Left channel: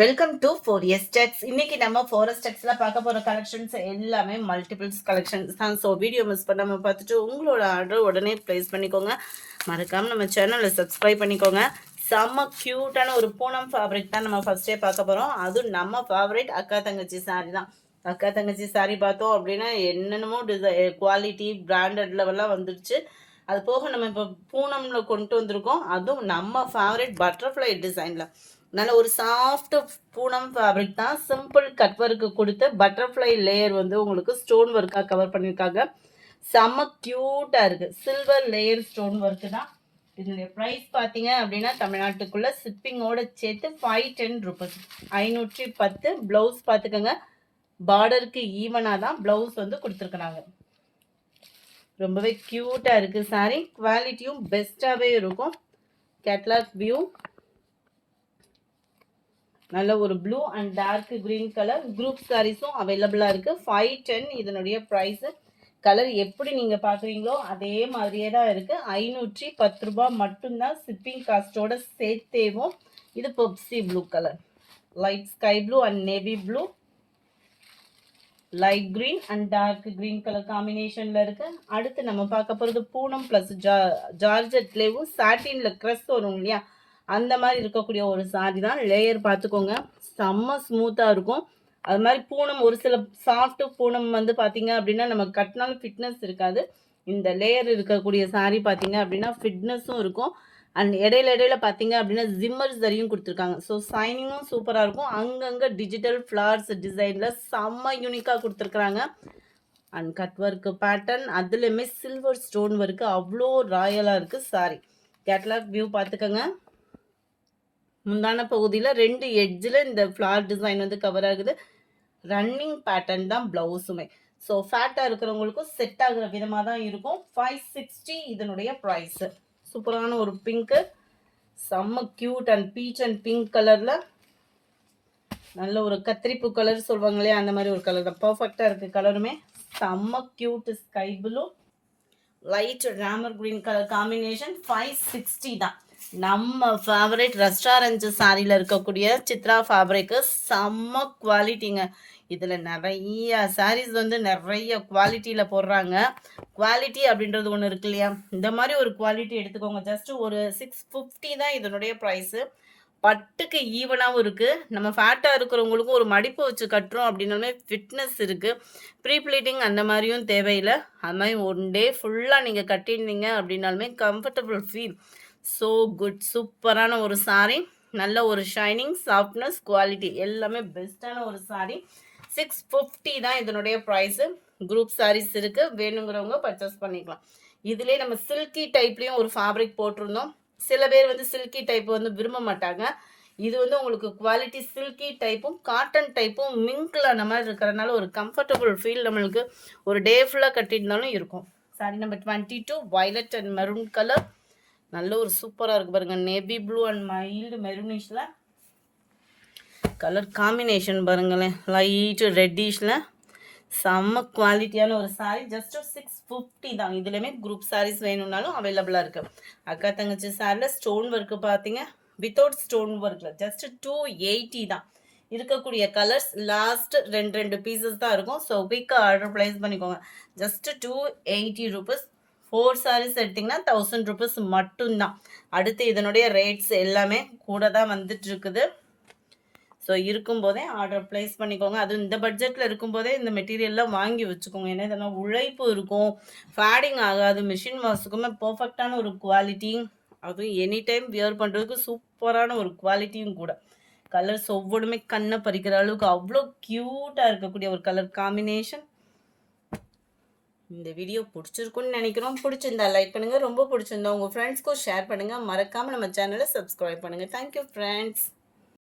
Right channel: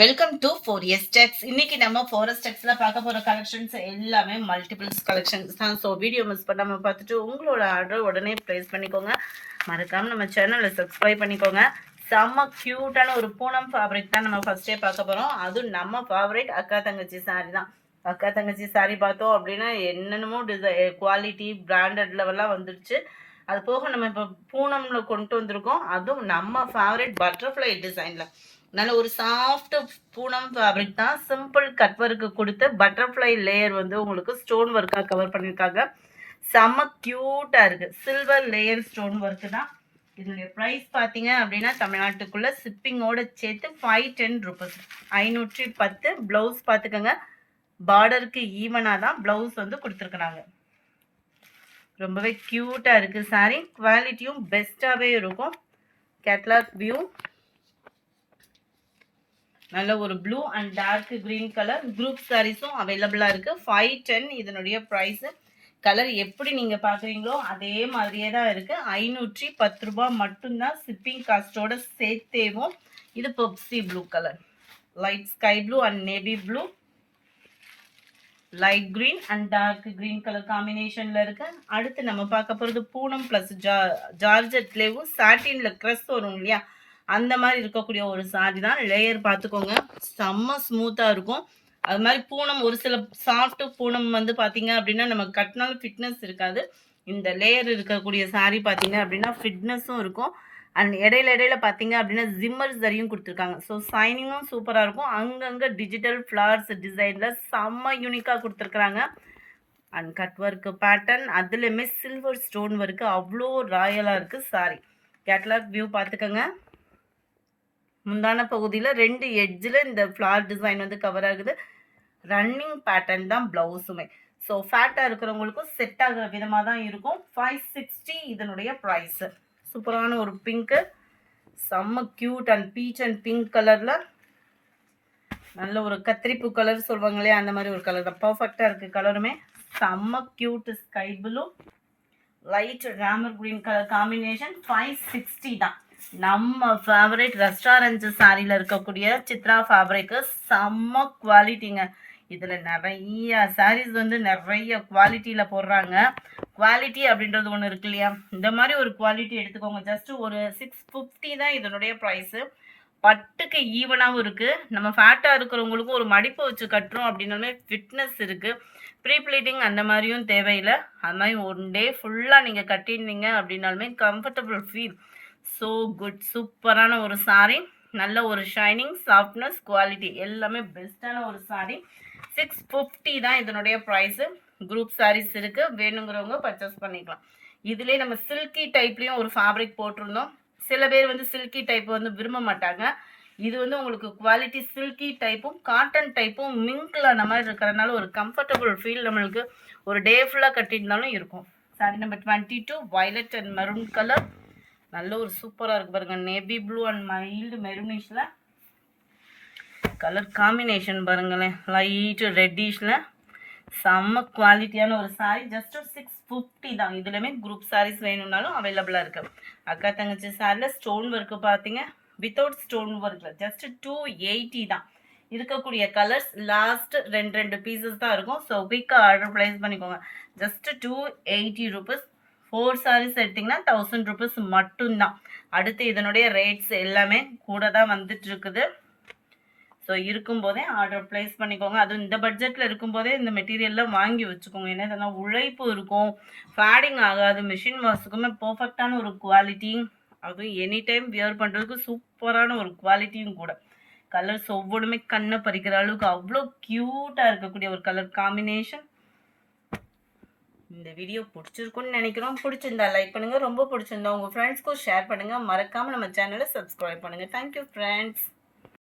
Welcome to 4S Techs. இன்னைக்கு நம்ம 4S Techsல பார்க்க போற கலெக்ஷன்ஸ் எல்லாமே மல்டிபிள்ஸ் கலெக்ஷன்ஸ் தான். ஸோ வீடியோ மிஸ் பண்ணாம பார்த்துட்டு உங்களோட ஆர்டர் உடனே ப்ளேஸ் பண்ணிக்கோங்க. மறக்காம நம்ம சேனலை சப்ஸ்கிரைப் பண்ணிக்கோங்க. செம்ம க்யூட்டான ஒரு பூனம் ஃபேப்ரிக் தான் நம்ம ஃபர்ஸ்டே பார்க்க போறோம். அதுவும் நம்ம ஃபேவரேட் அக்கா தங்கச்சி சாரி தான். அக்கா தங்கச்சி சாரி பார்த்தோம் அப்படின்னா என்னென்னமோ குவாலிட்டி பிராண்டட் லெவல்லாம் வந்துடுச்சு. அது போக நம்ம இப்போ பூனம்ல கொண்டு வந்திருக்கோம். அதுவும் நம்ம ஃபேவரேட் பட்டர்ஃப்ளை டிசைன்ல நல்ல ஒரு சாஃப்ட் பூனம் ஃபேப்ரிக் தான். சிம்பிள் கட் ஒர்க்கு கொடுத்து பட்டர்ஃப்ளை லேயர் வந்து உங்களுக்கு ஸ்டோன் ஒர்க்காக கவர் பண்ணியிருக்காங்க. செம்ம க்யூட்டாக இருக்குது. சில்வர் லேயர் ஸ்டோன் ஒர்க்கு தான். இதனுடைய ப்ரைஸ் பார்த்தீங்க அப்படின்னா தமிழ்நாட்டுக்குள்ளே ஷிப்பிங்கோட சேர்த்து 510 ருபீஸ், 510. ப்ளவுஸ் பார்த்துக்கோங்க, பார்டருக்கு ஈவனாக தான் ப்ளவுஸ் வந்து கொடுத்துருக்குறாங்க. ரொம்பவே க்யூட்டாக இருக்குது சாரீ. குவாலிட்டியும் பெஸ்ட்டாகவே இருக்கும். கேட்லாக் வியூ நல்ல ஒரு blue and dark green colour group சாரீஸும் அவைலபிளாக இருக்குது. 510 இதனுடைய ப்ரைஸு. கலர் எப்படி நீங்கள் பார்க்குறீங்களோ அதே மாதிரியே தான் இருக்குது. 510 ரூபா மட்டும்தான் ஷிப்பிங் காஸ்ட்டோட சேர்த்தேவும். இது Pepsi blue colour, light sky blue and navy blue, light green and dark green colour காம்பினேஷனில் இருக்குது. அடுத்து நம்ம பார்க்க போகிறது பூனம் ப்ளஸ் ஜார்ஜெட்லேயும் சாட்டினில் க்ரஸ் வரும் இல்லையா, அந்த மாதிரி இருக்கக்கூடிய ஒரு சாரி தான். லேயர் பார்த்துக்கோங்க, செம்ம ஸ்மூத்தாக இருக்கும். அது மாதிரி பூனம் ஒரு சில சாஃப்ட் பூனம் வந்து பார்த்தீங்க அப்படின்னா நம்ம கட்டினாலும் ஃபிட்னஸ் இருக்காது. இந்த லேயர் இருக்கக்கூடிய சாரி பார்த்தீங்க அப்படின்னா ஃபிட்னஸும் இருக்கும். அண்ட் இடையில பார்த்தீங்க அப்படின்னா ஜிம்மர் சரியும் கொடுத்துருக்காங்க. ஸோ சைனிங்கும் சூப்பராக இருக்கும். அங்கங்கே டிஜிட்டல் ஃப்ளவர்ஸ் டிசைனில் செம்ம யூனிக்காக கொடுத்துருக்குறாங்க. அண்ட் கட் ஒர்க்கு பேட்டர்ன் அதுலேயுமே சில்வர் ஸ்டோன் ஒர்க்கு அவ்வளோ ராயலாக இருக்குது சாரி. கேட்லாக் வியூ பார்த்துக்கோங்க. முந்தான பகுதியில் 2 எட்ஜில் இந்த ஃப்ளார் டிசைன் வந்து கவர் ஆகுது. ரன்னிங் பேட்டர்ன் தான் ப்ளவுஸுமே. ஸோ ஃபேட்டாக இருக்கிறவங்களுக்கும் செட் ஆகுற விதமாக தான் இருக்கும். 560 இதனுடைய ப்ரைஸு. சூப்பரான ஒரு பிங்க்கு, செம்ம cute and beach and pink கலரில் நல்ல ஒரு கத்திரிப்பூ கலர் சொல்லுவாங்க இல்லையா, அந்த மாதிரி ஒரு கலர் தான். பர்ஃபெக்டாக இருக்குது கலருமே. செம்ம cute sky blue, light Ramar green colour combination. 560 தான். நம்ம ஃபேவரேட் ரெஸ்டாரண்ட் சாரியில் இருக்கக்கூடிய சித்ரா ஃபேப்ரிக்கு செம்ம குவாலிட்டிங்க. இதில் நிறைய சாரீஸ் வந்து நிறைய குவாலிட்டியில் போடுறாங்க. குவாலிட்டி அப்படின்றது ஒன்று இருக்கு இல்லையா, இந்த மாதிரி ஒரு குவாலிட்டி எடுத்துக்கோங்க. ஜஸ்ட்டு ஒரு 650 தான் இதனுடைய ப்ரைஸு. பட்டுக்கு ஈவனாகவும் இருக்குது. நம்ம ஃபேட்டாக இருக்கிறவங்களுக்கும் ஒரு மடிப்பு வச்சு கட்டுறோம் அப்படின்னாலுமே ஃபிட்னஸ் இருக்குது. ப்ரீ ப்ளீட்டிங் அந்த மாதிரியும் தேவையில்லை. அது மாதிரி ஒன் டே ஃபுல்லாக நீங்கள் கட்டியிருந்தீங்க அப்படின்னாலுமே கம்ஃபர்டபுள் ஃபீல். So good. சூப்பரான ஒரு சாரீ. நல்ல ஒரு ஷைனிங், சாஃப்ட்னஸ், குவாலிட்டி எல்லாமே பெஸ்ட்டான ஒரு சாரீ. 650 தான் இதனுடைய ப்ரைஸு. குரூப் சாரீஸ் இருக்குது, வேணுங்கிறவங்க பர்ச்சேஸ் பண்ணிக்கலாம். இதிலே நம்ம சில்கி டைப்லேயும் ஒரு ஃபேப்ரிக் போட்டிருந்தோம். சில பேர் வந்து சில்கி டைப் வந்து விரும்ப மாட்டாங்க. இது வந்து உங்களுக்கு குவாலிட்டி சில்கி டைப்பும் காட்டன் டைப்பும் மிங்கில் அந்த மாதிரி இருக்கிறதுனால ஒரு கம்ஃபர்டபுள் ஃபீல் நம்மளுக்கு ஒரு டே ஃபுல்லாக கட்டியிருந்தாலும் இருக்கும். Sari number 22 violet and maroon colour. நல்ல ஒரு சூப்பராக இருக்குது பாருங்கள். நேவி ப்ளூ அண்ட் மைல்டு மெரூனிஷில் கலர் காம்பினேஷன் பாருங்களேன். லைட்டு ரெட்டிஷில் செம்ம குவாலிட்டியான ஒரு சாரீ. ஜஸ்ட் 650 தான். இதுலையுமே குரூப் சாரீஸ் வேணும்னாலும் அவைலபிளாக இருக்குது. அக்கா தங்கச்சி சாரியில் ஸ்டோன் ஒர்க்கு பார்த்தீங்க, வித்தவுட் ஸ்டோன் ஒர்க்கில் ஜஸ்ட் 280 தான். இருக்கக்கூடிய கலர்ஸ் லாஸ்ட் 2 பீசஸ் தான் இருக்கும். ஸோ குயிக்காக ஆர்டர் ப்ளேஸ் பண்ணிக்கோங்க. Just 280 rupees. 4 சாரீஸ் எடுத்திங்கன்னா 1000 ருபீஸ் மட்டும்தான். அடுத்து இதனுடைய ரேட்ஸ் எல்லாமே கூட தான் வந்துட்டு இருக்குது. ஸோ இருக்கும்போதே ஆர்டர் ப்ளேஸ் பண்ணிக்கோங்க. அதுவும் இந்த பட்ஜெட்டில் இருக்கும்போதே இந்த மெட்டீரியல்லாம் வாங்கி வச்சுக்கோங்க. ஏன்னா இதெல்லாம் உழைப்பு இருக்கும், ஃபேடிங் ஆகாது, மிஷின் வாஷுக்குமே பர்ஃபெக்டான ஒரு குவாலிட்டி. அதுவும் எனி டைம் வியர் பண்ணுறதுக்கு சூப்பரான ஒரு குவாலிட்டியும் கூட. கலர்ஸ் ஒவ்வொன்றுமே கண்ணை பறிக்கிற அளவுக்கு அவ்வளோ க்யூட்டாக இருக்கக்கூடிய ஒரு கலர் காம்பினேஷன். இந்த வீடியோ பிடிச்சிருக்குன்னு நினைக்கிறோம். பிடிச்சிருந்தா லைக் பண்ணுங்கள், ரொம்ப பிடிச்சிருந்தா உங்கள் ஃப்ரெண்ட்ஸ்க்கும் ஷேர் பண்ணுங்கள். மறக்காமல் நம்ம சேனலை சப்ஸ்கிரைப் பண்ணுங்கள். Thank you friends.